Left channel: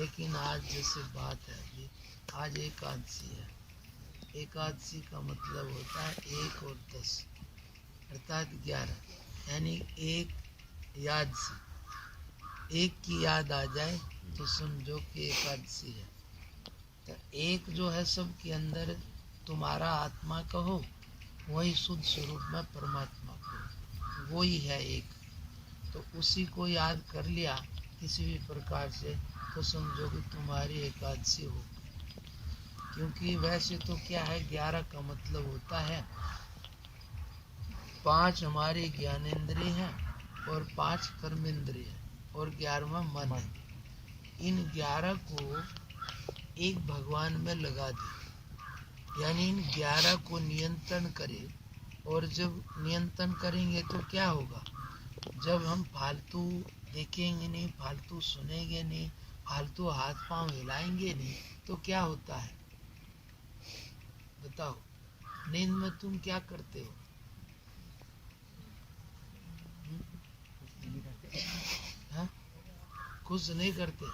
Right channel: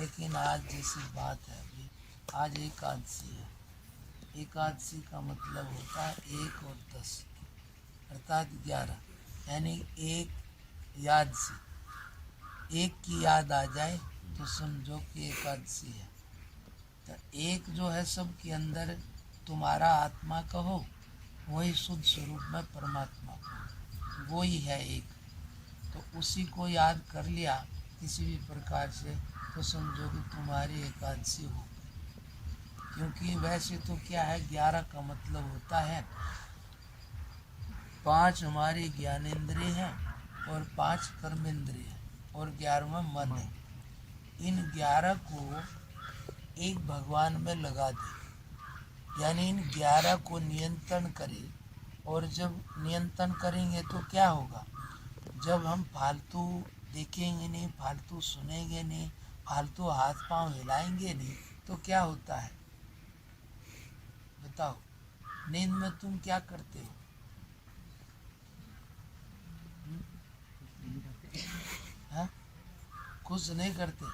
लेकिन आज जैसे बात है अभी, आज एकादशी है। एकादशी का मतलब होता है 1 और 10 अर्थात 11, यानी एक याद से एक की याद आ जाए तो समझो कि एकादशी है। तो एक जो है सबके अंदर तुम्हारा आत्मा कहो, वही शुद्ध स्वरूप में परमात्मा कहो, वो ही है एक। तो उसी को याद कर लिया किसी भी प्रकार से तो समझो कि तुम्हारी एकादशी हो। क्योंकि वैसे तो क्या है, 11 का मतलब होता है 5 हमारे ज्ञानेंद्रिय हैं और 5 कर्मेंद्रिय हैं और 11वां मन है। इन 11 को एक भगवान में लगा दे, यानी इन 11 को नियंत्रण करे। और जब नियंत्रण करेंगे तो क्या होगा, जब हम फालतू देखेंगे नहीं, फालतू सुनेंगे नहीं, फालतू हाथ पांव हिलाएंगे नहीं, तो क्या होता है बताओ। नींद में तुम क्या करते हो? हाँ? कुछ नहीं करते,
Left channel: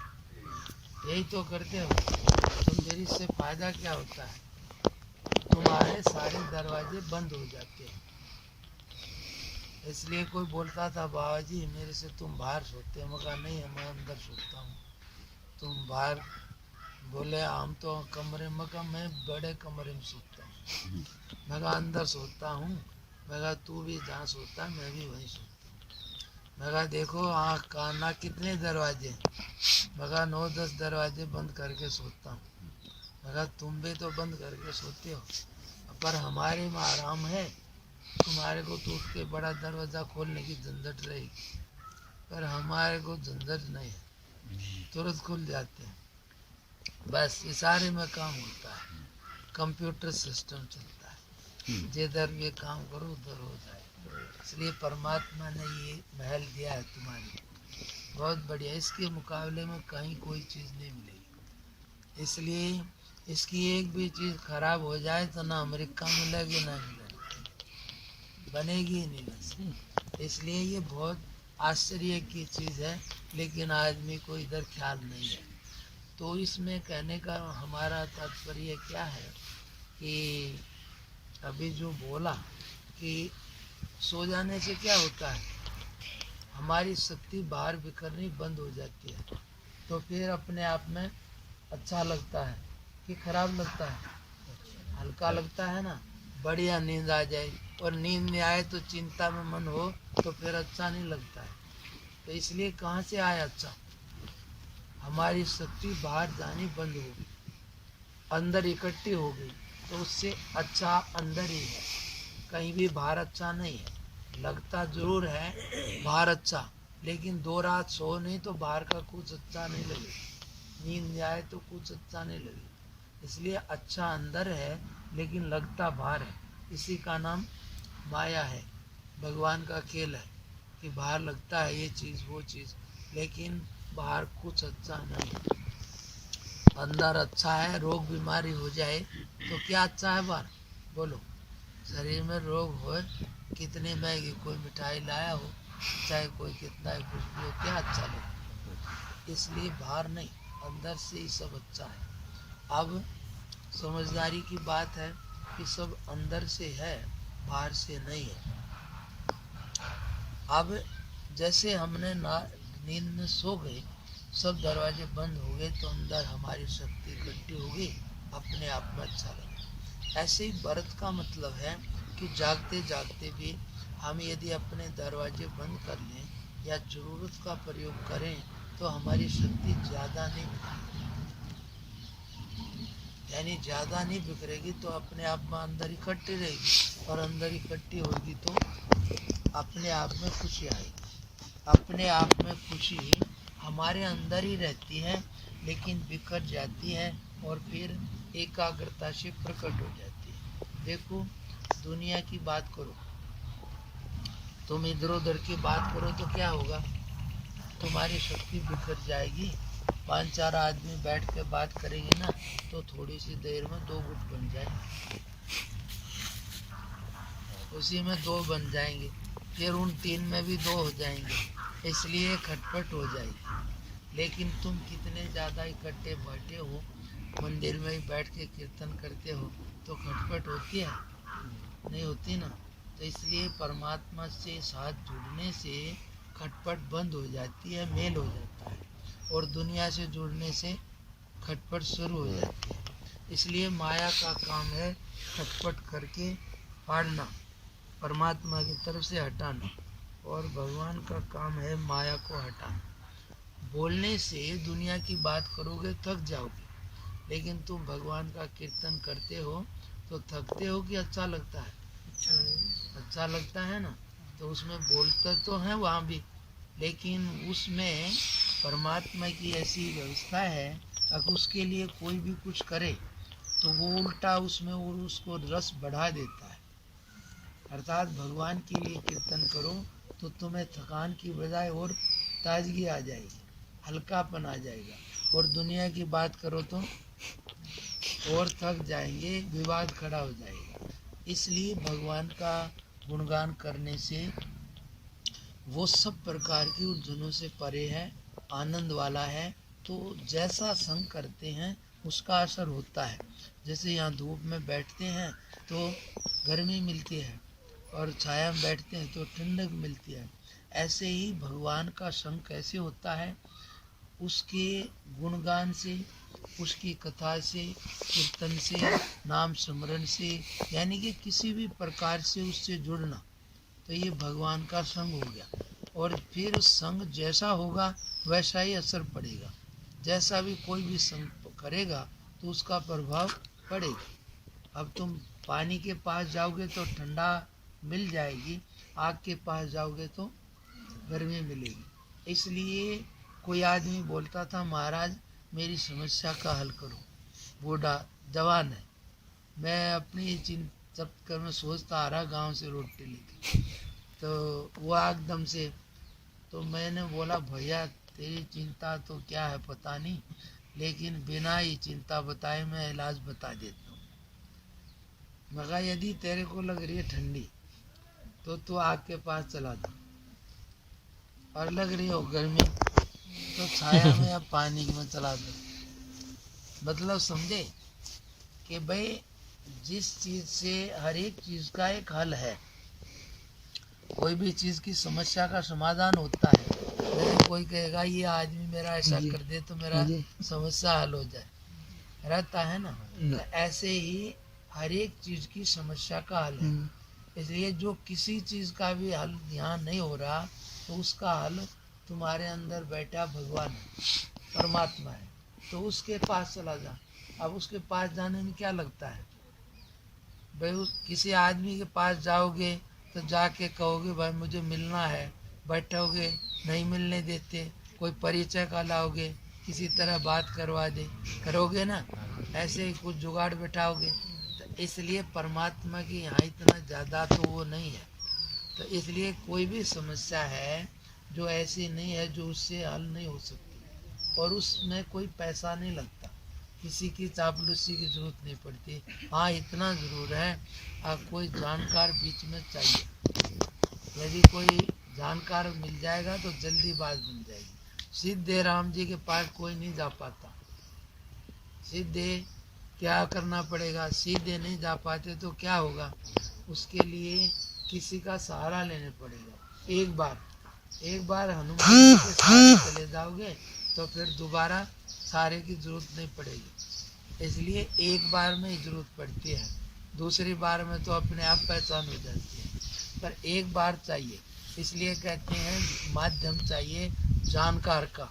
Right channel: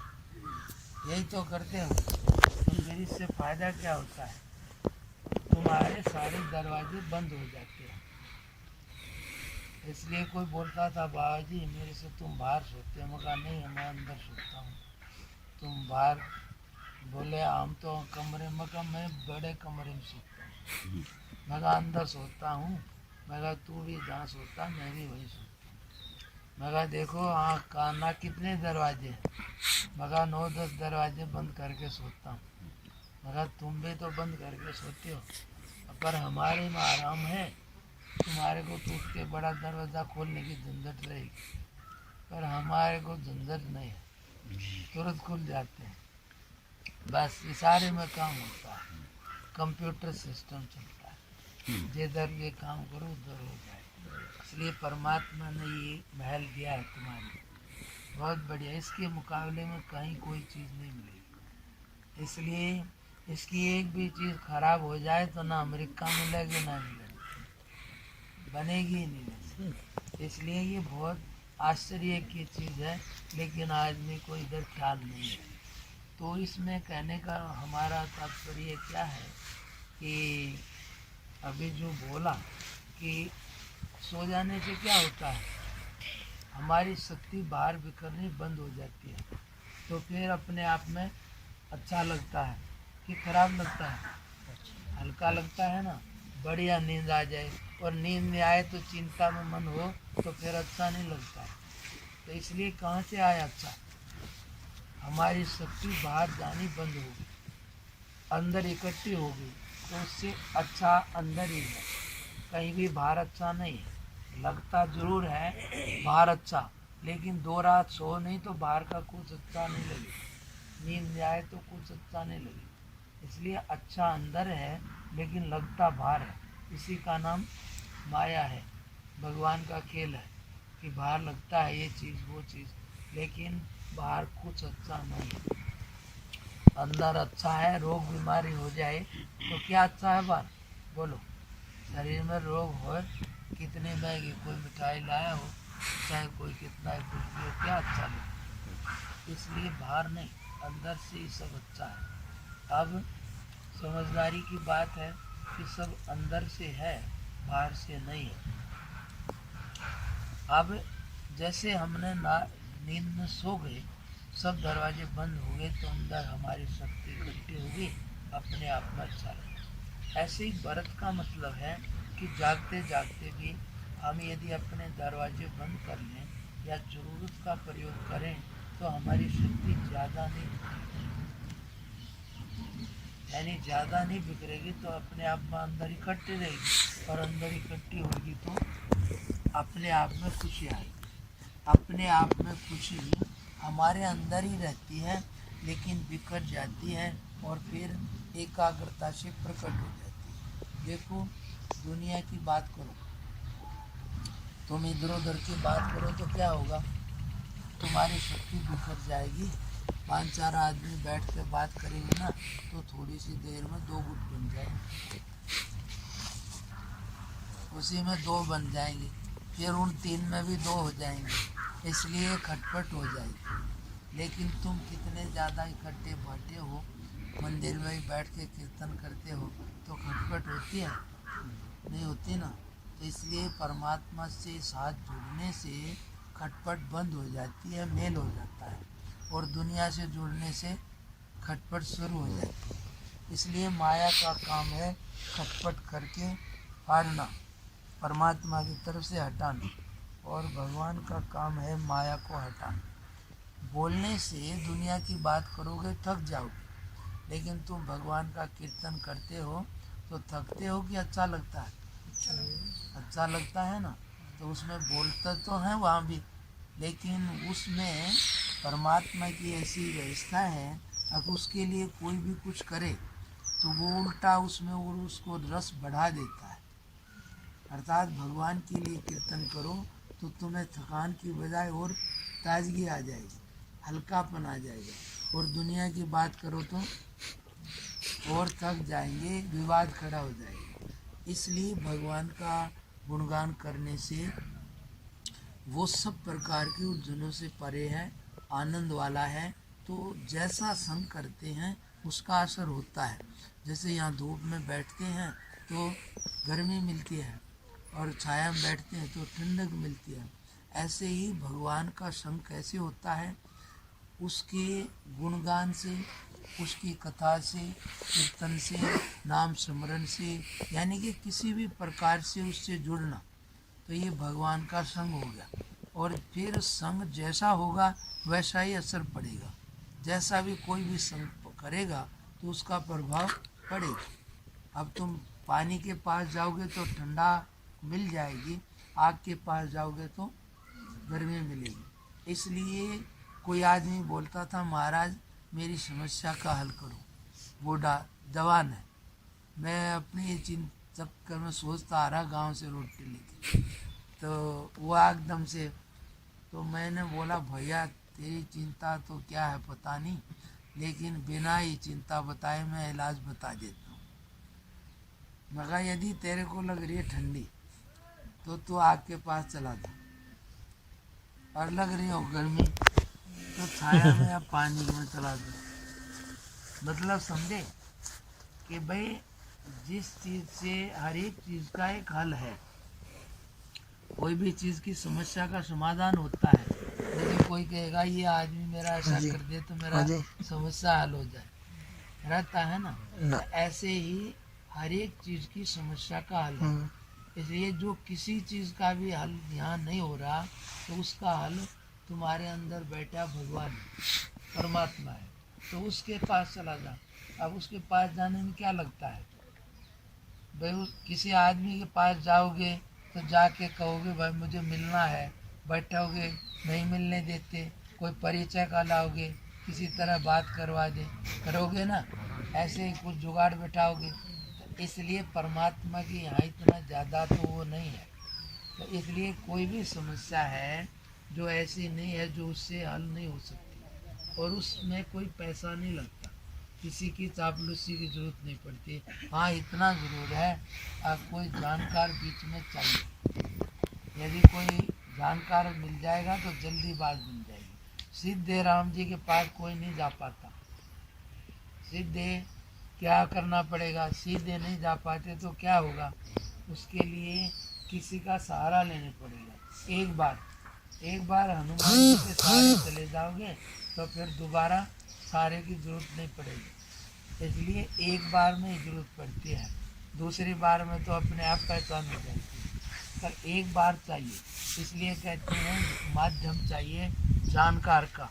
यही तो करते हो। तो फिर इससे फायदा क्या होता है, तुम्हारे सारे दरवाजे बंद हो जाते हैं। इसलिए कोई बोलता था बाबा जी मेरे से तुम बाहर सोते हो, मैं कहा नहीं मैं अंदर सोता हूँ, तुम बाहर। बोले हम तो कमरे में, कहा मैं बड़े कमरे में सोता हूँ। मैं कहा अंदर सोता हूँ। मैं कहा तू भी जहाँ सोता है मैं भी वहीं सोता हूँ। मैं कहा देखो हाँ काना कितने दरवाजे हैं? मैं कहा 9-10 दरवाजे बंद करके सोता हूँ। मैं कहा तुम भी तो बंद करके सोते हो, पर हमारे में आराम है, तुम्हारे को तो उठ के बड़ा दरवाज़ा खोलने की झंझट रहेगी, पर हमारे को झंझट नहीं है, तुरंत खुल जाते हैं। बस इशारे में काम होता है, कंप्यूटर सिस्टम चलता है, जिधर भी काम करो उधर हो जाए। इसलिए परमात्मा ने ये महल दिया है तुम्हारी, बहुत बढ़िया। इसके मुकाबले में कहीं कोई चीज़ नहीं मिलेगी। इसलिए इसकी एक भी चीज़ खराब हो जाए तो ना अमेरिका मिलेगी ना इंग्लैंड, बनेगी ही नहीं। इसलिए ये बहुत आश्चर्य की चीज़ है, लेकिन आदमी को इधर ख्याल नहीं है। तो इसमें कहने का हमारा तात्पर्य क्या है कि अभी जो बोला कि सो जाने से क्या होता है, हमारी शक्ति बाहर बिखरनी बंद हो जाती है। तो फिर अपने आप में अच्छा लगता है कि खराब लगता है? हल्का लगता है ना, बढ़िया नींद आ जाएगी। और नींद में आए तो चिंता में मन हो तो फिर अच्छा नहीं लगता है। तो इसलिए कहाँ से आया अच्छा, हमारी शक्ति बाहर जानी बंद हो गई, अंदर इकट्ठी हो गई, तो उससे अच्छा अंदर ही है, कहीं भी बाहर अच्छा नहीं है। लगता जरूर है बाहर अच्छा, लेकिन 2 रात सो नहीं तो बाहर का कुछ अच्छा नहीं लगे, नींद में आए तो कुछ अच्छा नहीं लगे। इसलिए अच्छा अंदर है लेकिन लगता बाहर है, इसी का नाम माया है, भगवान का खेल है कि बाहर लगता है ये चीज़ वो चीज़, लेकिन बाहर कुछ अच्छा नहीं। अंदर अच्छा है, रोग बीमारी हो जाए तो क्या अच्छा है बाहर? बोलो, शरीर में रोग हो, कितनी महंगी कोई मिठाई लाया हो, चाहे कोई कितना ही कुछ भी हो, क्या अच्छा लगे? इसलिए बाहर नहीं, अंदर से ही सब अच्छा है। अब समझदारी की बात है कि सब अंदर से है, बाहर से नहीं है। अब जैसे हमने नींद में सो गए, सब दरवाजे बंद हो गए, तो अंदर हमारी शक्ति इकट्ठी होगी, अपने आप में अच्छा लगेगा। ऐसे ही व्रत का मतलब है कि जागते जागते भी हम यदि अपने दरवाजे बंद कर लें या ज़रूरत का प्रयोग करें तो हमारी शक्ति ज़्यादा नहीं, यानी ज़्यादा नहीं बिखरेगी, तो अपने आप में अंदर इकट्ठी रहेगी, और अंदर इकट्ठी होगी तो अपने आप में खुशी आएगी। अपने आप में खुशी हमारे अंदर ही रहती है, लेकिन बिखर जाती है और फिर एकाग्रता से प्रकट हो जाती है। देखो दुनिया की बात करो, तुम इधर उधर की बात करो तो क्या होगा, तुम्हारी शक्ति बिखर जाएगी। 5-4 आदमी बैठ के बात करेंगे ना तो थोड़ी सी देर में 2 गुट बन जाएंगे, उसी में 2 बन जाएंगे, फिर उन 3 में भी 2 हो जाएंगे, इसलिए खटपट हो जाएगी। लेकिन तुम कितने ज़्यादा इकट्ठे बैठे हो, मंदिर में ही बैठ के कीर्तन करते हो, तो खटपट होती है? नहीं होती ना। तो इसलिए परमात्मा से साथ जुड़ने से खटपट बंद हो जाती है, मेल हो जाता है, और दुनिया से जुड़ने से खटपट शुरू हो जाती है। इसलिए माया का काम है खटपट करके फाड़ना, परमात्मा की तरफ से हटाना, और भगवान का काम है माया को हटाना। बोलने से दुनिया की बात करोगे थक जाओगे, लेकिन तुम भगवान का कीर्तन करते हो तो थकते हो कि अच्छा लगता है? अच्छा लगता है ना। तो उसमें बोलते तो हैं वहाँ भी, लेकिन उसमें परमात्मा की ऐसी व्यवस्था है, अगर उसके लिए कोई भी कुछ करे तो वो उल्टा उसमें वो उसको रस बढ़ा देता है। अर्थात भगवान के लिए कीर्तन करो तो तुम्हें थकान की बजाय और ताजगी आ जाएगी, हल्कापन आ जाएगा, और दुनिया की बात करो तो और थक जाएंगे, विवाद खड़ा हो जाएगा। इसलिए भगवान का गुणगान करने से वो सब प्रकार की उलझनों से परे है, आनंद वाला है। तो जैसा संग करते हैं उसका असर होता है। जैसे यहाँ धूप में बैठते हैं तो गर्मी मिलती है, और छाया में बैठते हैं तो ठंडक मिलती है। ऐसे ही भगवान का संग कैसे होता है? उसके गुणगान से, उसकी कथा से, कीर्तन से, नाम स्मरण से, यानी कि किसी भी प्रकार से उससे जुड़ना, तो ये भगवान का संग हो गया। और फिर संग जैसा होगा वैसा ही असर पड़ेगा। जैसा भी कोई भी संग करेगा तो उसका प्रभाव पड़ेगा। अब तुम पानी के पास जाओगे तो ठंडा मिल जाएगी, आग के पास जाओगे तो गर्मी मिलेगी। इसलिए कोई आदमी बोलता था, महाराज मेरी समस्या का हल करो। बूढ़ा जवान है, मैं अपनी जब कर मैं सोचता आ रहा गांव से रोटी लेके, तो वो एकदम से, तो मैंने बोला भैया तेरी चिंता तो क्या है पता नहीं, लेकिन बिना ही चिंता बताए मैं इलाज बता देता हूँ। मगर यदि तेरे को लग रही है ठंडी तो तू आग के पास चला जा, और लग रही हो गर्मी तो छाया में या पानी में चला जा। मतलब समझे कि भाई जिस चीज़ से हर एक चीज़ का एक हल है, कोई भी चीज़ की समस्या का समाधान होता है। यदि कोई कहेगा ये आदमी मेरा ऐसा कर दे तो मेरा समस्या हल हो जाए, रहता है ना। तो ऐसे ही हर एक चीज़ की समस्या का हल है। इसलिए जो किसी चीज़ का भी हल यहाँ नहीं हो रहा तो उसका हल तुम्हारे अंदर बैठा भगवान है, परमात्मा है, तो उसके पास चला जा। अब उसके पास जाने में क्या लगता है भाई? किसी आदमी के पास जाओगे तो जाके कहोगे भाई मुझे मिलना है, बैठोगे नहीं मिलने देते, कोई परिचय का लाओगे, किसी तरह बात करवा दे, करोगे ना, ऐसे ही कुछ जुगाड़ बैठाओगे। तो इसलिए परमात्मा की यहाँ इतना ज़्यादा तो वो नहीं है। तो इसलिए कोई भी समस्या है जो ऐसी नहीं है जो उससे हल नहीं हो सकती, और उसमें कोई पैसा नहीं लगता, किसी की चापलूसी की जरूरत नहीं पड़ती। हाँ इतना जरूर है, कोई जानकार बीच में चाहिए। यदि कोई जानकार मिल जाएगा तो जल्दी बात बन जाएगी। सीधे राम जी के पास कोई नहीं जा पाता, सीधे क्या करना पड़ेगा? सीधे नहीं जा पाते तो क्या होगा? उसके लिए किसी का सहारा लेने पड़ेगा। एक बार हनुमान जी के सहारे चले जाओगे तो फिर दोबारा सहारे की जरूरत नहीं पड़ेगी। इसलिए एक बार में ही जरूरत पड़ती है, दूसरी बार में तो अपने आप पहचान हो जाती है, पर एक बार चाहिए। इसलिए कहते हैं माध्यम चाहिए जानकार का,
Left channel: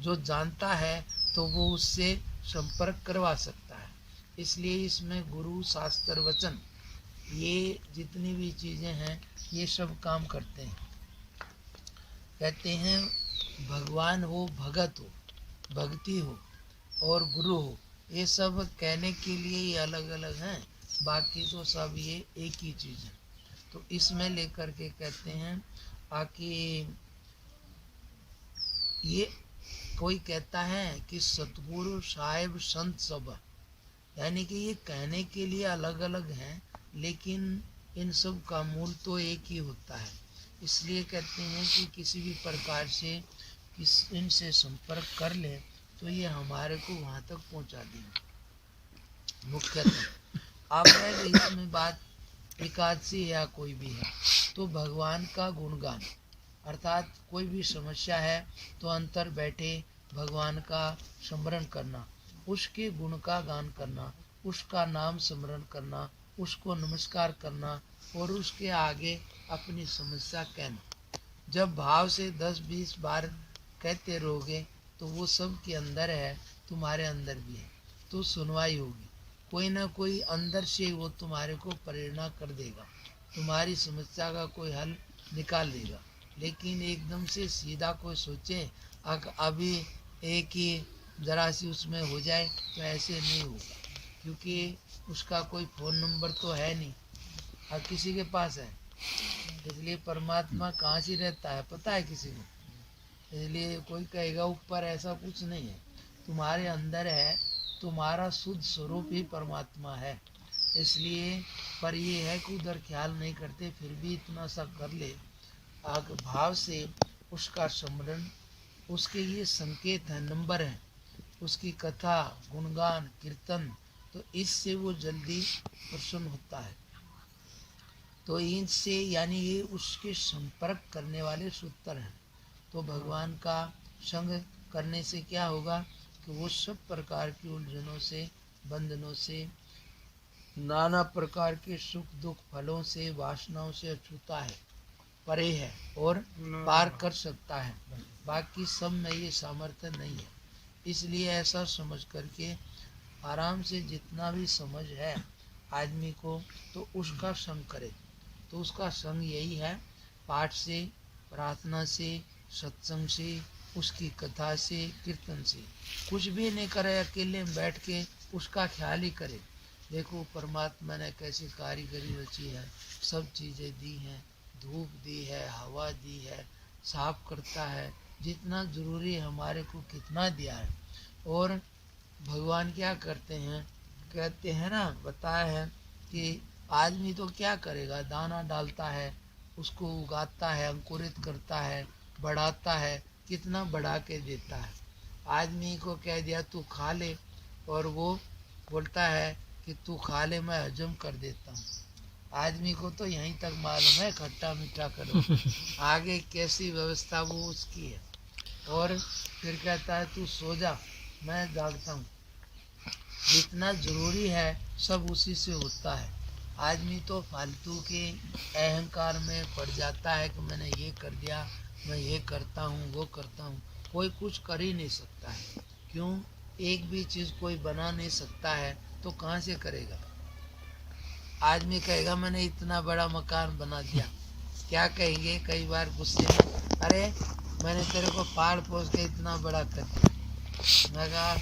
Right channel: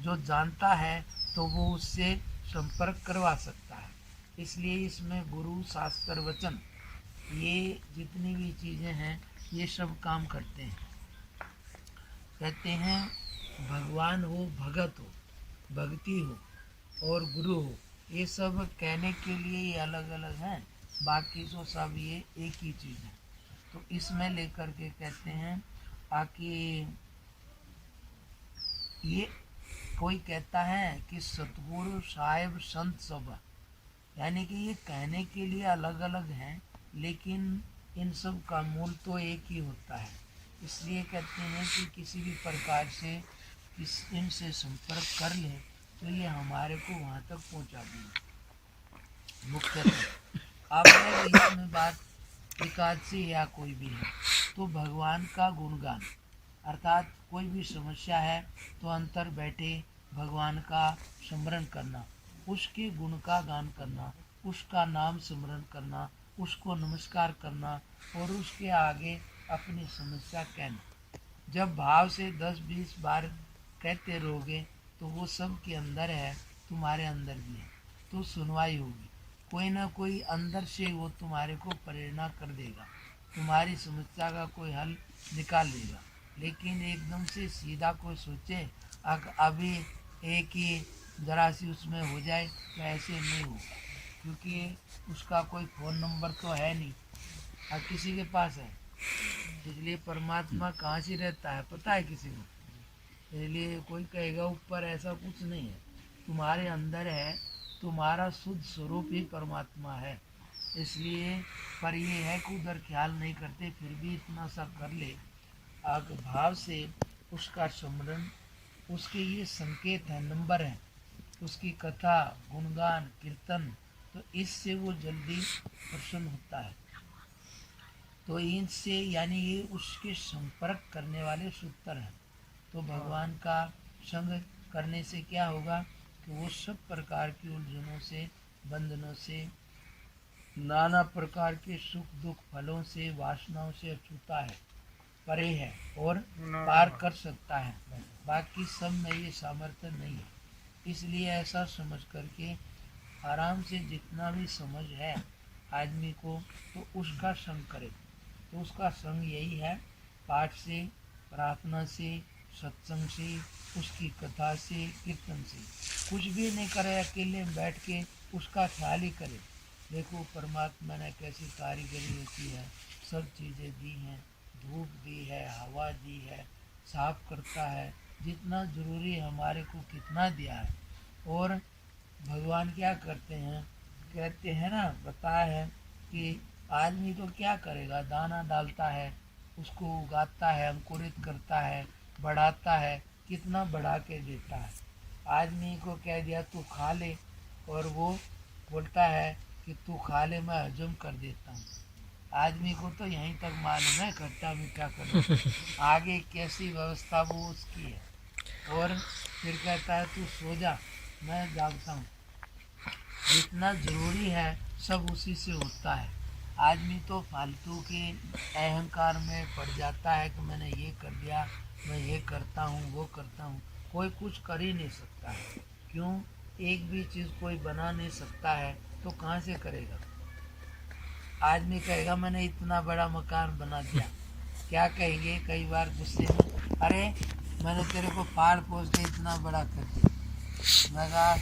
जो जानता है तो वो उससे संपर्क करवा सकता है। इसलिए इसमें गुरु शास्त्र वचन ये जितनी भी चीज़ें हैं ये सब काम करते हैं। कहते हैं भगवान हो, भगत हो, भक्ति हो और गुरु हो, ये सब कहने के लिए ये अलग अलग हैं, बाकी तो सब ये एक ही चीज़ है। तो इसमें लेकर के कहते हैं आकि ये कोई कहता है कि सतगुरु साहिब संत सब, यानी कि ये कहने के लिए अलग अलग हैं, लेकिन इन सब का मूल तो एक ही होता है। इसलिए कहते हैं कि किसी भी प्रकार से इनसे संपर्क कर ले तो ये हमारे को वहाँ तक पहुँचा देंगे मुख्यतः। अब है इसमें बात एकादशी या कोई भी है तो भगवान का गुणगान, अर्थात कोई भी समस्या है तो अंतर बैठे भगवान का स्मरण करना, उसके गुण का गान करना, उसका नाम स्मरण करना, उसको नमस्कार करना और उसके आगे अपनी समस्या कहना। जब भाव से 10-20 बार कहते रहोगे तो वो सब के अंदर है, तुम्हारे अंदर भी है, तो सुनवाई होगी। कोई ना कोई अंदर से वो तुम्हारे को प्रेरणा कर देगा, तुम्हारी समस्या का कोई हल निकाल देगा। लेकिन एकदम से सीधा कोई सोचे अभी एक ही जरा सी उसमें हो जाए तो ऐसे नहीं होगा, क्योंकि उसका कोई फ़ोन नंबर तो है नहीं और किसी के पास है। इसलिए परमात्मा कहाँ से रहता है पता है किसी को? इसलिए कोई कहेगा ऊपर, ऐसा कुछ नहीं है, तुम्हारे अंदर है, तुम्हारा शुद्ध स्वरूप ही परमात्मा है। इसलिए पर ये है कि उधर ख्याल नहीं करते, फिर भी इतना सा कर ले भाव से उसका स्मरण, उसके ये संकेत है, नंबर है, उसकी कथा गुणगान कीर्तन, तो इससे वो जल्दी प्रसन्न होता है। तो इनसे यानी ये उसके संपर्क करने वाले सूत्र हैं। तो भगवान का संग करने से क्या होगा कि वो सब प्रकार की उलझनों से, बंधनों से, नाना प्रकार के सुख दुख फलों से, वासनाओं से अछूता है, परे है और पार कर सकता है। बाकी सब में ये सामर्थ्य नहीं है। इसलिए ऐसा समझ करके आराम से जितना भी समझ है आदमी को तो उसका संग करे। तो उसका संग यही है, पाठ से, प्रार्थना से, सत्संग से, उसकी कथा से, कीर्तन से। कुछ भी नहीं करे, अकेले में बैठ के उसका ख्याल ही करे। देखो परमात्मा ने कैसी कारीगरी रची है, सब चीज़ें दी हैं, धूप दी है, हवा दी है, साफ करता है, जितना ज़रूरी हमारे को कितना दिया है। और भगवान क्या करते हैं, कहते हैं ना, बताया है कि आदमी तो क्या करेगा, दाना डालता है, उसको उगाता है, अंकुरित करता है, बढ़ाता है, कितना बढ़ा के देता है। आदमी को कह दिया तू खा ले और वो बोलता है कि तू खा ले, मैं हजम कर देता हूँ। आदमी को तो यहीं तक मालूम है, खट्टा मीठा करो, आगे कैसी व्यवस्था वो उसकी है। और फिर कहता है तू सो जा, मैं जागता हूँ। जितना ज़रूरी है सब उसी से होता है। आदमी तो फालतू के अहंकार में पड़ जाता है कि मैंने ये कर दिया, मैं ये करता हूँ, वो करता हूँ। कोई कुछ कर ही नहीं सकता है। क्यों? एक भी चीज़ कोई बना नहीं सकता है तो कहाँ से करेगा? आदमी कहेगा मैंने इतना बड़ा मकान बना दिया, क्या कहेंगे कई बार गुस्से में, अरे मैंने तेरे को पाड़ पोस के इतना बड़ा कर दिया। मैं कहा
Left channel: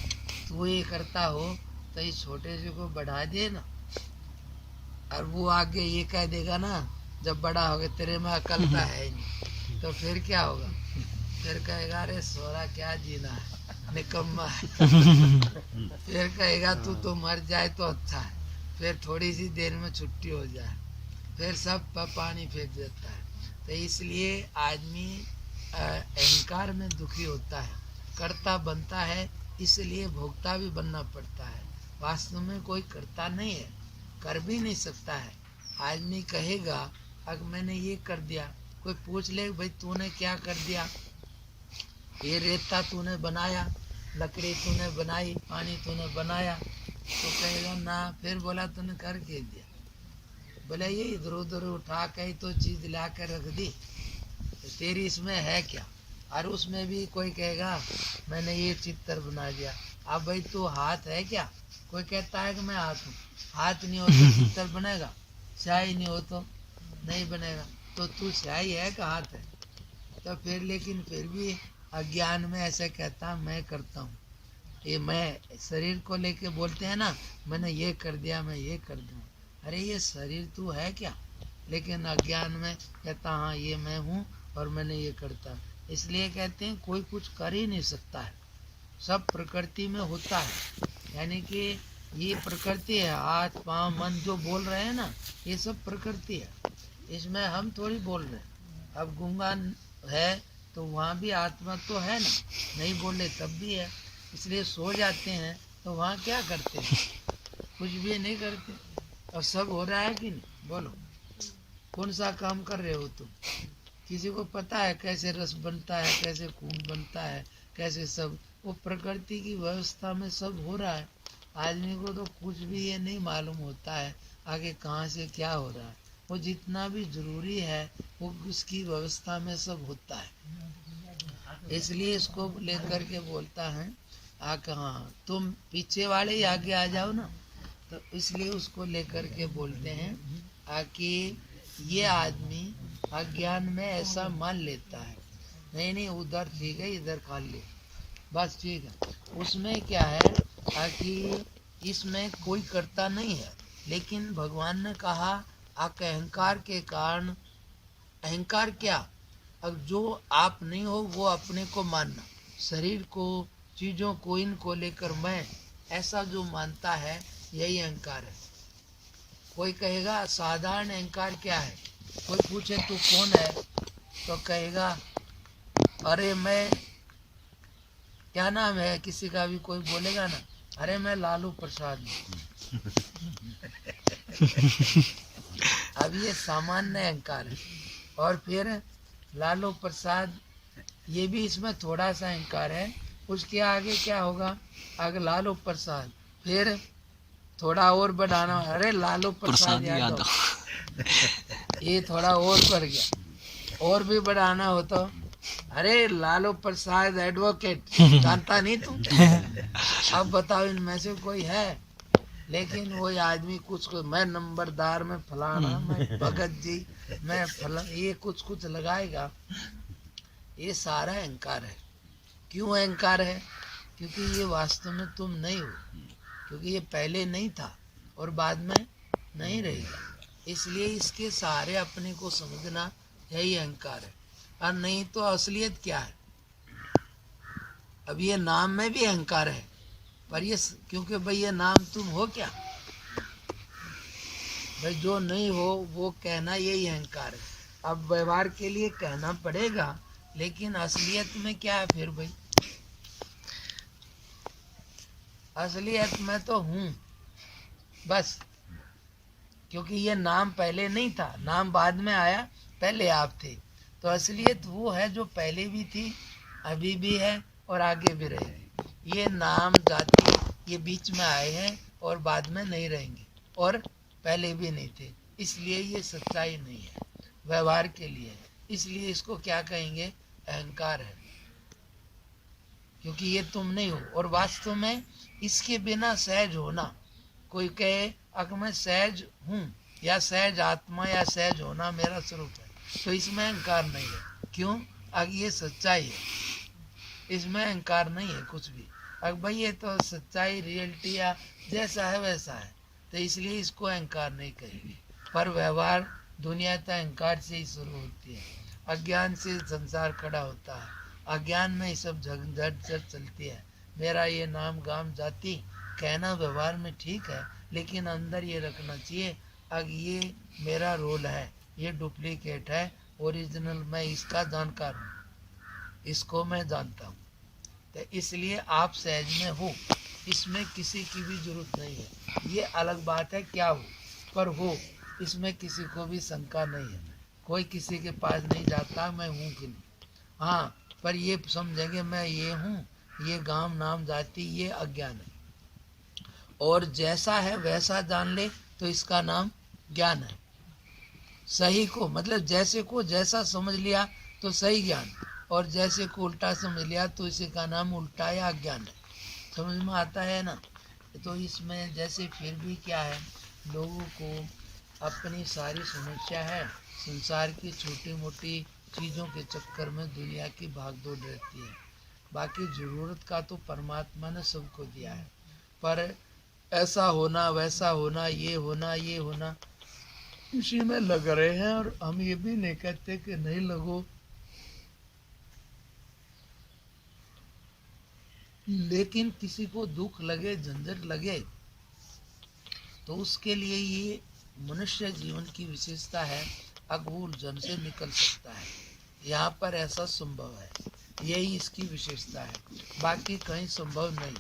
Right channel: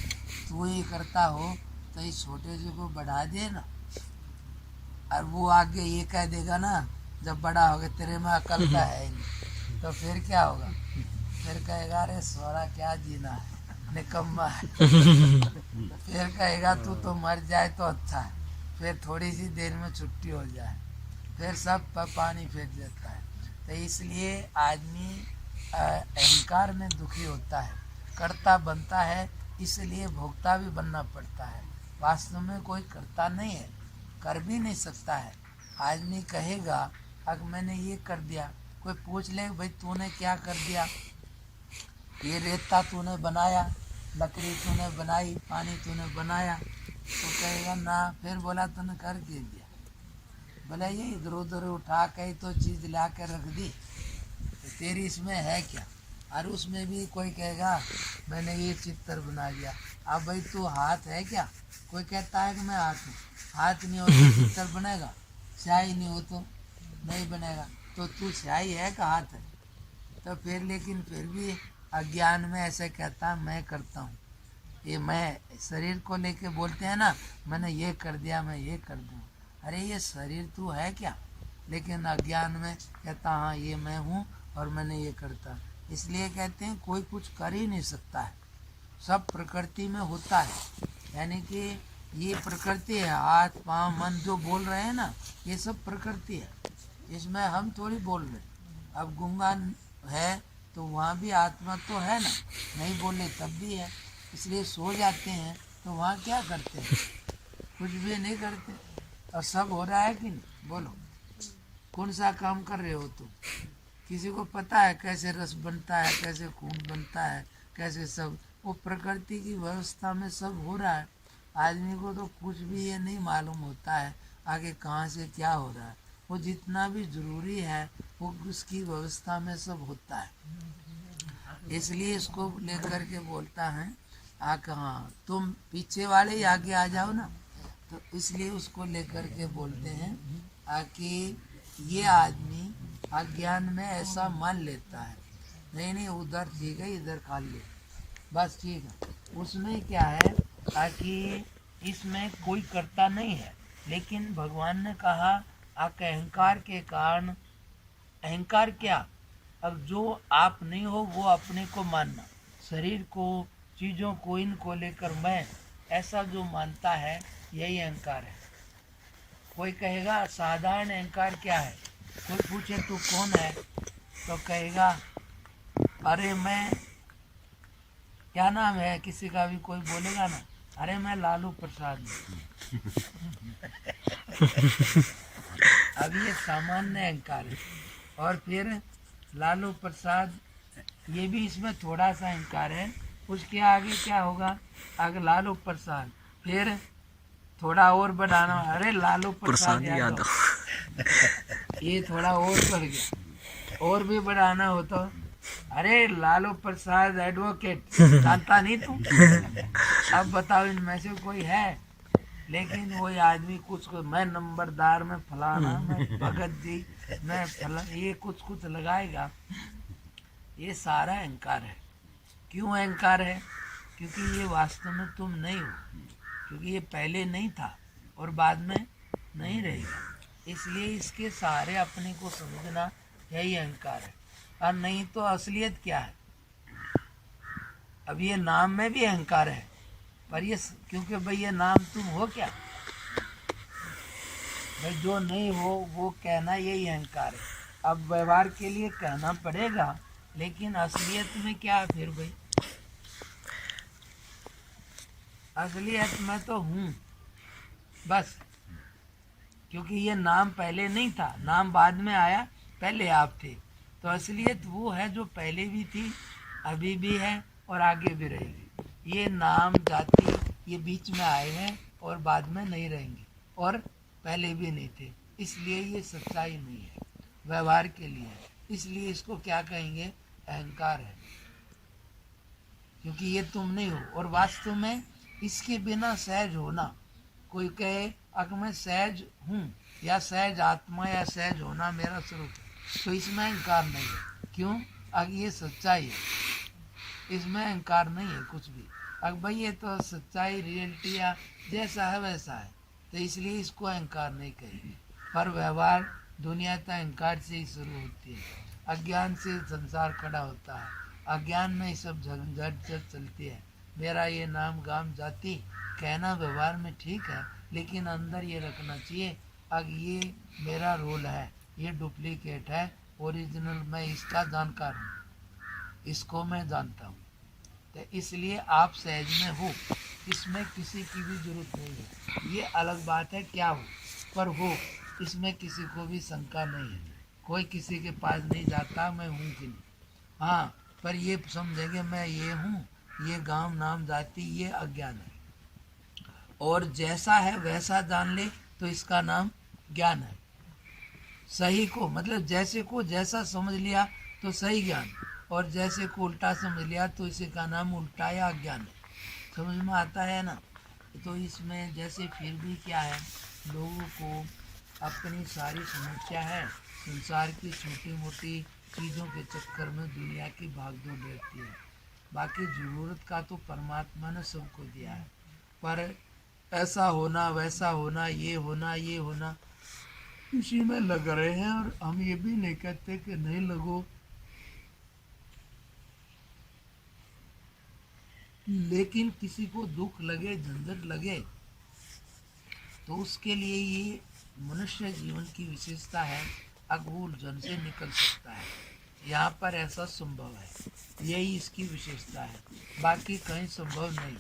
तू ये करता हो तो इस छोटे से को बढ़ा दे ना। और वो आगे ये कह देगा ना, जब बड़ा हो गया तेरे में अकल तो है ही नहीं, तो फिर क्या होगा? फिर कहेगा अरे सोरा क्या जीना है, निकम्मा है। फिर कहेगा तू तो मर जाए तो अच्छा है, फिर थोड़ी सी देर में छुट्टी हो जाए, फिर सब पानी फेंक देता है। तो इसलिए आदमी अहंकार में दुखी होता है, कर्ता बनता है, इसलिए भोक्ता भी बनना पड़ता है। वास्तव में कोई करता नहीं है, कर भी नहीं सकता है। आदमी कहेगा अगर मैंने ये कर दिया, कोई पूछ ले भाई तूने क्या कर दिया, ये रेता तूने बनाया, लकड़ी तूने बनाई, पानी तूने बनाया, तो कहेगा ना। फिर बोला तूने कर के दिया, बोला ये इधर उधर उठा के तो चीज़ ला कर रख दी, तो तेरी इसमें है क्या? और उसमें भी कोई कहेगा मैंने ये चित्र बना दिया। अब भाई तू हाथ है क्या? कोई कहता है कि मैं हाथ हूँ, हाथ नहीं हो तो चित्र बनेगा? स्याही नहीं हो तो नहीं बनेगा। तो तू स्याही है कि हाथ है? तो फिर लेकिन फिर भी अज्ञान में ऐसे कहता मैं करता हूँ। ये मैं शरीर को लेके बोलते हैं ना, मैंने ये कर दिया, मैं ये कर दूँ। अरे ये शरीर तू है क्या? लेकिन अज्ञान में कहता हाँ ये मैं हूँ और मैंने ये करता। इसलिए कहते हैं कोई कुछ कर ही नहीं सकता है, सब प्रकृति में होता है। यानी कि ये प्रकृति है, हाथ पाँव मन जो बोल रहे हैं ना, ये सब प्रकृति है, इसमें हम थोड़ी बोल रहे हैं। अब गूंगा है तो वहाँ भी आत्मा तो है ना, नहीं बोले तब भी है। इसलिए सो जाते हैं तो वहाँ क्या करते हैं, कुछ भी नहीं करते। और सब हो रहा है कि नहीं, बोलो कौन सा काम कर रहे हो तुम? किसी को पता है कैसे रस बनता है, कैसे खून बनता है, कैसे सब वो प्रकृति की व्यवस्था में सब हो रहा है। आदमी को तो कुछ भी ये नहीं मालूम होता है आगे कहाँ से क्या हो रहा है। वो जितना भी जरूरी है वो उसकी व्यवस्था में सब होता है। इसलिए इसको लेकर के बोलता है कहाँ तुम पीछे वाले ही आगे आ जाओ ना, तो इसलिए उसको लेकर के बोलते हैं कि ये आदमी अज्ञान में ऐसा मान लेता है, नहीं नहीं उधर ठीक है इधर खा ले बस ठीक है। उसमें क्या है कि इसमें कोई कर्ता नहीं है, लेकिन भगवान ने कहा अहंकार के कारण, अहंकार क्या, अब जो आप नहीं हो वो अपने को मानना, शरीर को, चीज़ों को, इनको लेकर मैं ऐसा जो मानता है यही अहंकार है। कोई कहेगा साधारण अहंकार क्या है, कोई पूछे तू कौन है तो कहेगा अरे मैं, क्या नाम है किसी का भी, कोई बोलेगा ना अरे मैं लालू प्रसाद हूँ। अब ये सामान्य अहंकार है। और फिर लालू प्रसाद ये भी इसमें थोड़ा सा अहंकार है। उसके आगे क्या होगा, आगे लालू प्रसाद, फिर थोड़ा और बढ़ाना, अरे लालू प्रसाद यादव, ये थोड़ा और बढ़ गया। और भी बढ़ाना हो तो अरे लालू प्रसाद एडवोकेट, जानता नहीं तू? अब बताओ इनमें से कोई है? लेकिन वही आदमी कुछ को, मैं नंबरदार में फलाना, मैं भगत जी, मैं फला, ये कुछ कुछ लगाएगा। ये सारा अहंकार है। क्यों अहंकार है? क्योंकि ये वास्तव में तुम नहीं हो, क्योंकि ये पहले नहीं था और बाद में नहीं रहेगा। इसलिए इसके सहारे अपने को समझना यही अहंकार है। और नहीं तो असलियत क्या है? अब ये नाम में भी अहंकार है, पर ये क्योंकि भाई ये नाम तुम हो क्या? भाई जो नहीं हो वो कहना यही अहंकार है। अब व्यवहार के लिए कहना पड़ेगा, लेकिन असलियत में क्या है फिर भाई? असलियत में तो हूँ बस, क्योंकि ये नाम पहले नहीं था, नाम बाद में आया, पहले आप थे। तो असलियत वो है जो पहले भी थी, अभी भी है और आगे भी रहेगी। ये नाम जाति ये बीच में आए हैं और बाद में नहीं रहेंगे और पहले भी नहीं थे। इसलिए ये सच्चाई नहीं है, व्यवहार के लिए है। इसलिए इसको क्या कहेंगे? अहंकार है, क्योंकि ये तुम नहीं हो। और वास्तव में इसके बिना सहज होना, कोई कहे अगर मैं सहज हूँ या सहज आत्मा या सहज होना मेरा स्वरूप है, तो इसमें अहंकार नहीं है। क्यों? अगर ये सच्चाई है, इसमें अहंकार नहीं है कुछ भी। अगर भाई ये तो सच्चाई रियलिटी या जैसा है वैसा है, तो इसलिए इसको अहंकार नहीं कहेंगे। पर व्यवहार दुनिया तो अहंकार से ही शुरू होती है। अज्ञान से संसार खड़ा होता है, अज्ञान में ये सब झंझट चलती है। मेरा ये नाम गाम जाति कहना व्यवहार में ठीक है, लेकिन अंदर ये रखना चाहिए अब ये मेरा रोल है, ये डुप्लीकेट है, ओरिजिनल मैं इसका जानकार हूँ, इसको मैं जानता हूँ। तो इसलिए आप सहज में हो, इसमें किसी की भी जरूरत नहीं है। ये अलग बात है क्या हो, पर हो, इसमें किसी को भी शंका नहीं है। कोई किसी के पास नहीं जाता मैं हूँ कि नहीं। हाँ, पर ये समझेंगे मैं ये हूँ, ये गांव नाम जाति ये अज्ञान है। और जैसा है वैसा जान ले तो इसका नाम ज्ञान है। सही को मतलब जैसे को जैसा समझ लिया तो सही ज्ञान, और जैसे को उल्टा समझ लिया तो इसी का नाम उल्टा या अज्ञान है। समझ में आता है ना? तो इसमें जैसे फिर भी क्या है, लोगों को अपनी सारी समस्या है संसार की छोटी मोटी चीज़ों के चक्कर में दुनिया की भागदौड़ रहती है। बाकी ज़रूरत का तो परमात्मा ने सबको दिया है, पर ऐसा होना वैसा होना ये होना इसी में लग रहे हैं। और हम ये भी नहीं कहते कि नहीं लगो, लेकिन किसी को दुख लगे झंझट लगे तो उसके लिए ये मनुष्य जीवन की विशेषता है, अघोर जन से निकल सकता है। यहाँ पर ऐसा संभव है, यही इसकी विशेषता है, बाकी कहीं संभव नहीं।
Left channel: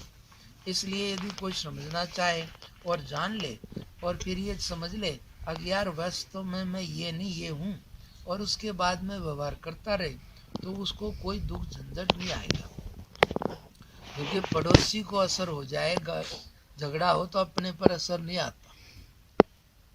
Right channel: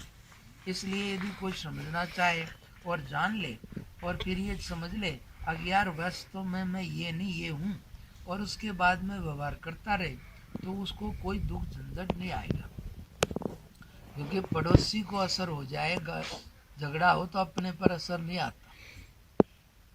इसलिए यदि कोई समझना चाहे और जान ले और फिर ये समझ ले 11 वर्ष तो मैं ये नहीं ये हूँ, और उसके बाद में व्यवहार करता रहे, तो उसको कोई दुख झंझट नहीं आएगा। क्योंकि पड़ोसी को असर हो जाएगा, झगड़ा हो तो अपने पर असर नहीं आता।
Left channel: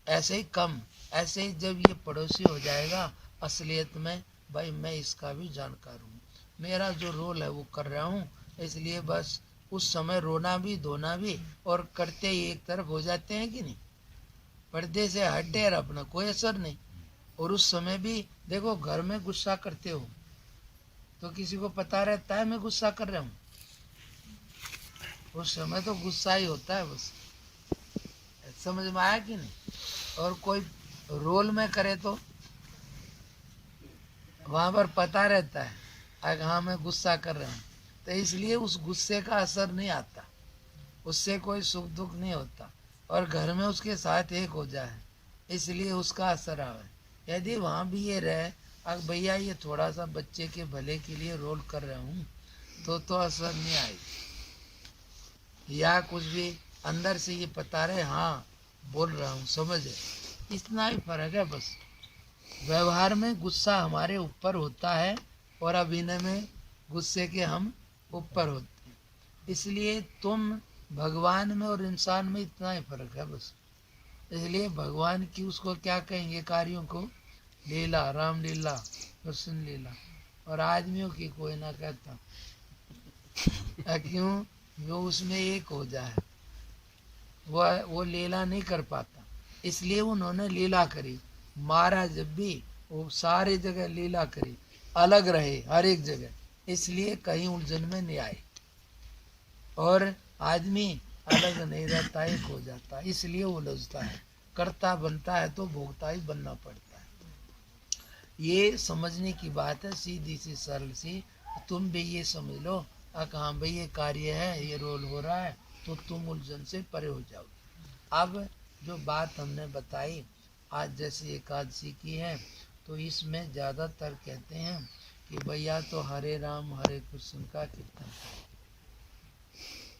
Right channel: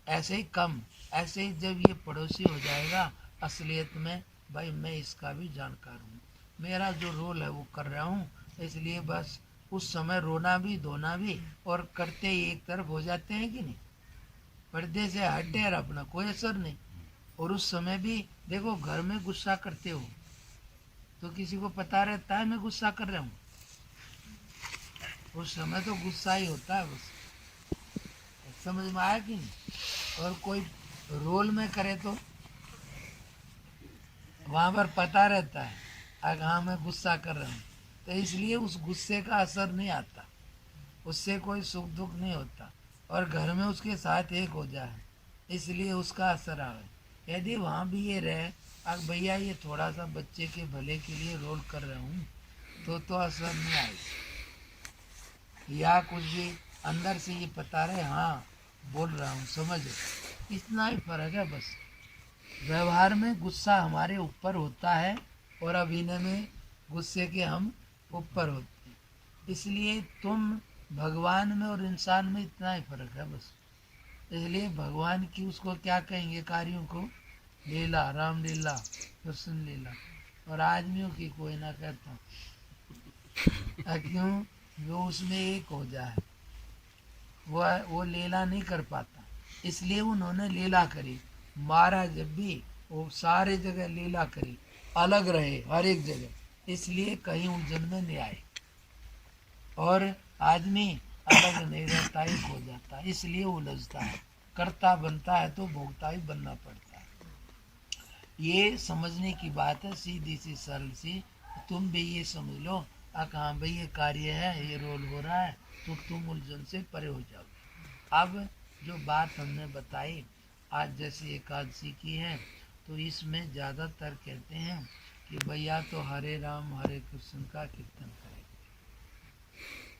ऐसे ही कम, ऐसे ही जब ये पड़ोसी हो जाएगा असलियत में, भाई मैं इसका भी जानकार हूँ, मेरा जो रोल है वो कर रहा हूँ, इसलिए बस उस समय रोना भी धोना भी और करते ही एक तरफ हो जाते हैं कि नहीं, पर्दे से हटे और अपना कोई असर नहीं। और उस समय भी देखो, घर में गुस्सा करते हो तो किसी को पता रहता है मैं गुस्सा कर रहा हूँ, उस समय तो गुस्सा ही होता है बस। समझ में आया कि नहीं। और कोई रोल में करे तो वहां पर पता रहता है अगर हाँ मैं गुस्सा कर रहा हूँ, तो इसलिए उस गुस्से का असर नहीं आता, उससे कोई सुख दुख नहीं होता। और घर में उसके साथ एक हो जाए इसलिए उसका असर आवे। यदि वहाँ भी ये रहे अब भैया ये थोड़ा सा बच्चे के भले के लिए रोल कर रहा हूँ, तो असर नहीं आएगी। या कुछ भी अंदर से ये पता रहे हाँ बोल रहा हूँ, समझ, इतना ही फर्क है बस। व्यवहार में गुस्सा हमारे ऊपर होता है और अभिनय में गुस्से के हम ऊपर होते हैं। इसलिए तुम भगवान में और इंसान में इतना ही फर्क है बस। इसलिए भगवान की उसको क्या कहेंगे कार्यों को, लीला, रामलीला, कृष्ण लीला, और आदमियों की कोई ना कहता। क्यों? वो उसमें एक हो जाए, वो लीला नहीं कर पाता, इसलिए उन्होंने लीला करी। महाराज जब भी वो सारे जगह लीला करी, अलग रहे हर एक जगह, इसलिए कहीं उलझन में नहीं आए। और आदमी अलग नहीं रहता, एक हो जाता, इसलिए उलझता है। करता बनता है तो भोगता ही बनना पड़ता है। ये समझने की बात है, सीधी सी सरल सी। तुम भी ये समझ लो हाँ भाई ये कार्य है, ये रोल हो रहा है, तो तुम उलझन से परे हो जाओ। अब जो बात हमने बताई आज जैसे एकादशी की है, तो इसमें ज़्यादातर कहते हैं कि भैया तो हरे राम हरे कृष्ण का कीर्तन करें,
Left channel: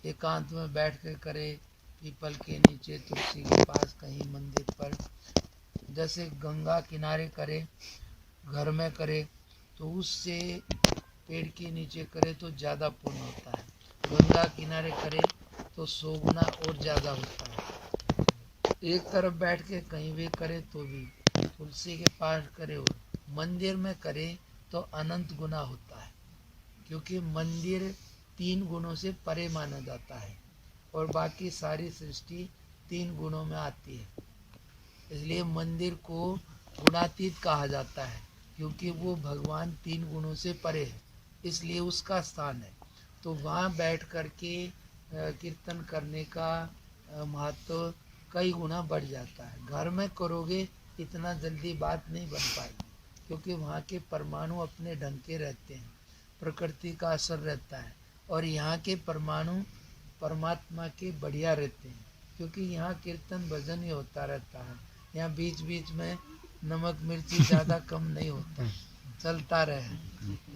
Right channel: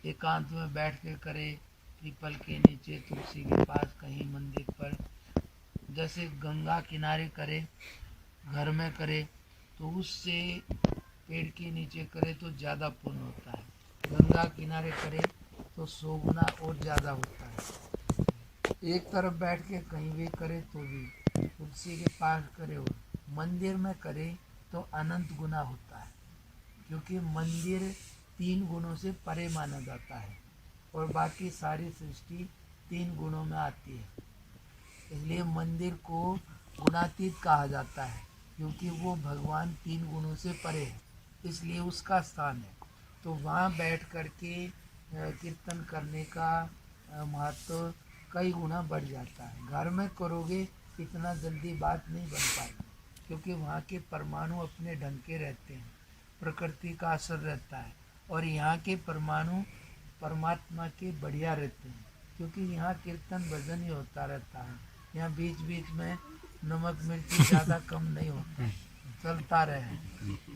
एकांत में बैठ कर करे, पीपल के नीचे, तुलसी के पास, कहीं मंदिर पर, जैसे गंगा किनारे करे, घर में करे, तो उससे पेड़ के नीचे करे तो ज़्यादा पुण्य होता है। गंगा किनारे करे तो 100 गुना और ज़्यादा होता है। एक तरफ बैठ के कहीं भी करे तो भी, तुलसी के पास करे और मंदिर में करे तो अनंत गुना होता है। क्योंकि मंदिर 3 गुणों से परे माना जाता है और बाकी सारी सृष्टि 3 गुणों में आती है। इसलिए मंदिर को गुणातीत कहा जाता है, क्योंकि वो भगवान 3 गुणों से परे है, इसलिए उसका स्थान है। तो वहाँ बैठ कर के कीर्तन करने का महत्व कई गुना बढ़ जाता है। घर में करोगे इतना जल्दी बात नहीं बन पाएगी, क्योंकि वहाँ के परमाणु अपने ढंग के रहते हैं, प्रकृति का असर रहता है, और यहाँ के परमाणु परमात्मा के बढ़िया रहते हैं, क्योंकि यहाँ कीर्तन भजन ही होता रहता है। यहाँ बीच बीच में नमक मिर्ची ज़्यादा कम नहीं होता, चलता रहे,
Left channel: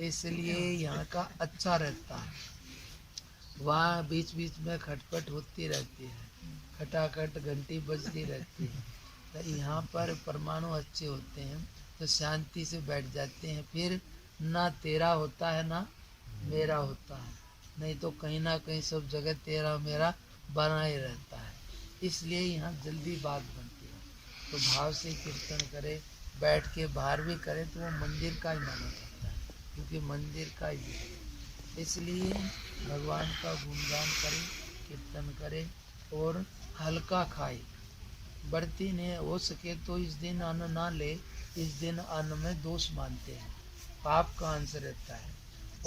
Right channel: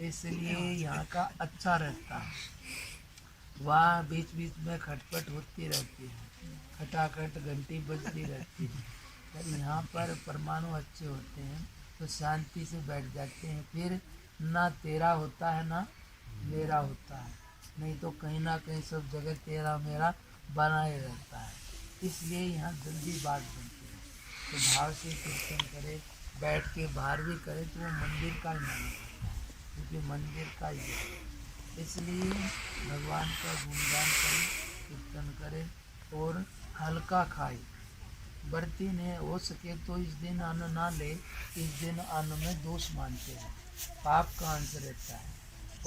इसलिए यहाँ का अच्छा रहता है। वहाँ बीच बीच में खटपट होती रहती है, खटाखट घंटी बजती रहती है। तो यहाँ पर परमाणु अच्छे होते हैं तो शांति से बैठ जाते हैं, फिर ना तेरा होता है ना मेरा होता है, नहीं तो कहीं ना कहीं सब जगह तेरा मेरा बना ही रहता है। इसलिए यहाँ जल्दी बात बनती है। तो भाव से कीर्तन करे, बैठ के बाहर भी करे तो वो मंदिर का ही माना जाता है, क्योंकि मंदिर का ही है। इसलिए भगवान का गुणगान करे, कीर्तन करे और हल्का खाए। बढ़ती ने हो सके तो इस दिन अन्न ना ले, इस दिन अन्न में दोष मानते हैं, पाप का अंश रहता है।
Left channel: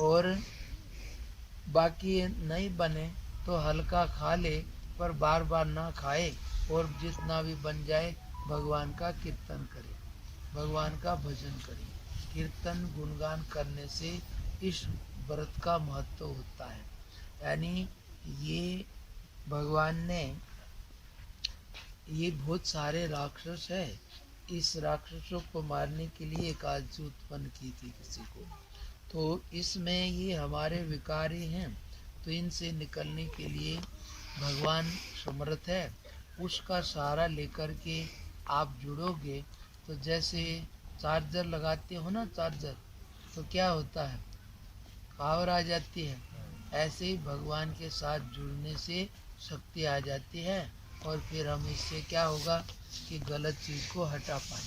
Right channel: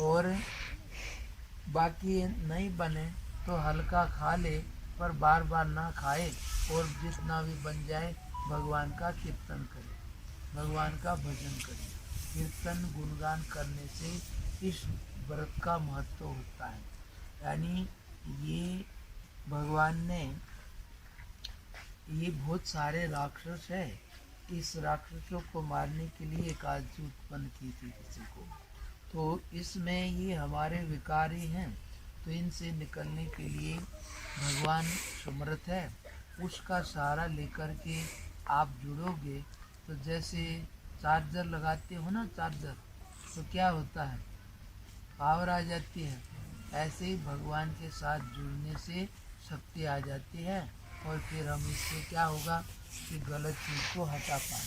और बाकी नहीं बने तो हल्का खा ले, पर बार बार ना खाए, और जितना भी बन जाए भगवान का कीर्तन करे, भगवान का भजन करे। कीर्तन गुणगान करने से इस व्रत का महत्व होता है। यानी ये भगवान ने, ये बहुत सारे राक्षस है इस राक्षसों को मारने के लिए एक आजी उत्पन्न की थी किसी को। तो इसमें ये हमारे विकार ही हैं, तो इनसे निकलने के लिए भगवान समर्थ है। उसका सहारा लेकर के आप जुड़ोगे तो जैसे चार्जर लगाते हो ना, चार्जर, तो क्या होता है, पावर आ जाती है। ऐसे ही भगवान के साथ जुड़ने से शक्ति आ जाती है और फिर हम इससे क्या होगा कि गलत चीज़ को हटा पाए।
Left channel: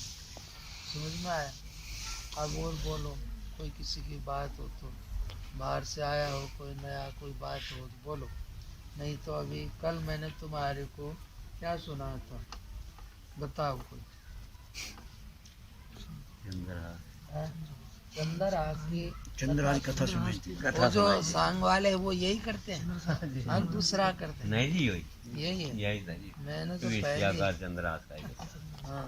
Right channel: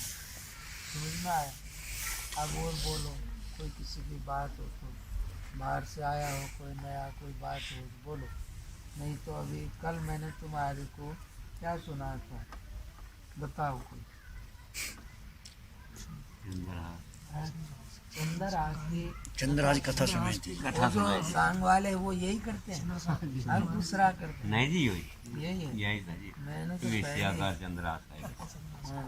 समझ में आया? अब और बोलो, कोई किसी की बात हो तो, बाहर से आया हो कोई नया कोई बात हो तो बोलो, नहीं तो अभी कल मैंने तुम्हारे को क्या सुना था, बताओ कोई। चंद्रहास की कथा सुनाई थी। वो जो सांग वाले वो यही करते हैं, हम दूसरा करते हैं। नहीं जी, यही यही है, यही था जी। मैंने तो विषयाकार चंद्रहास का ही। हाँ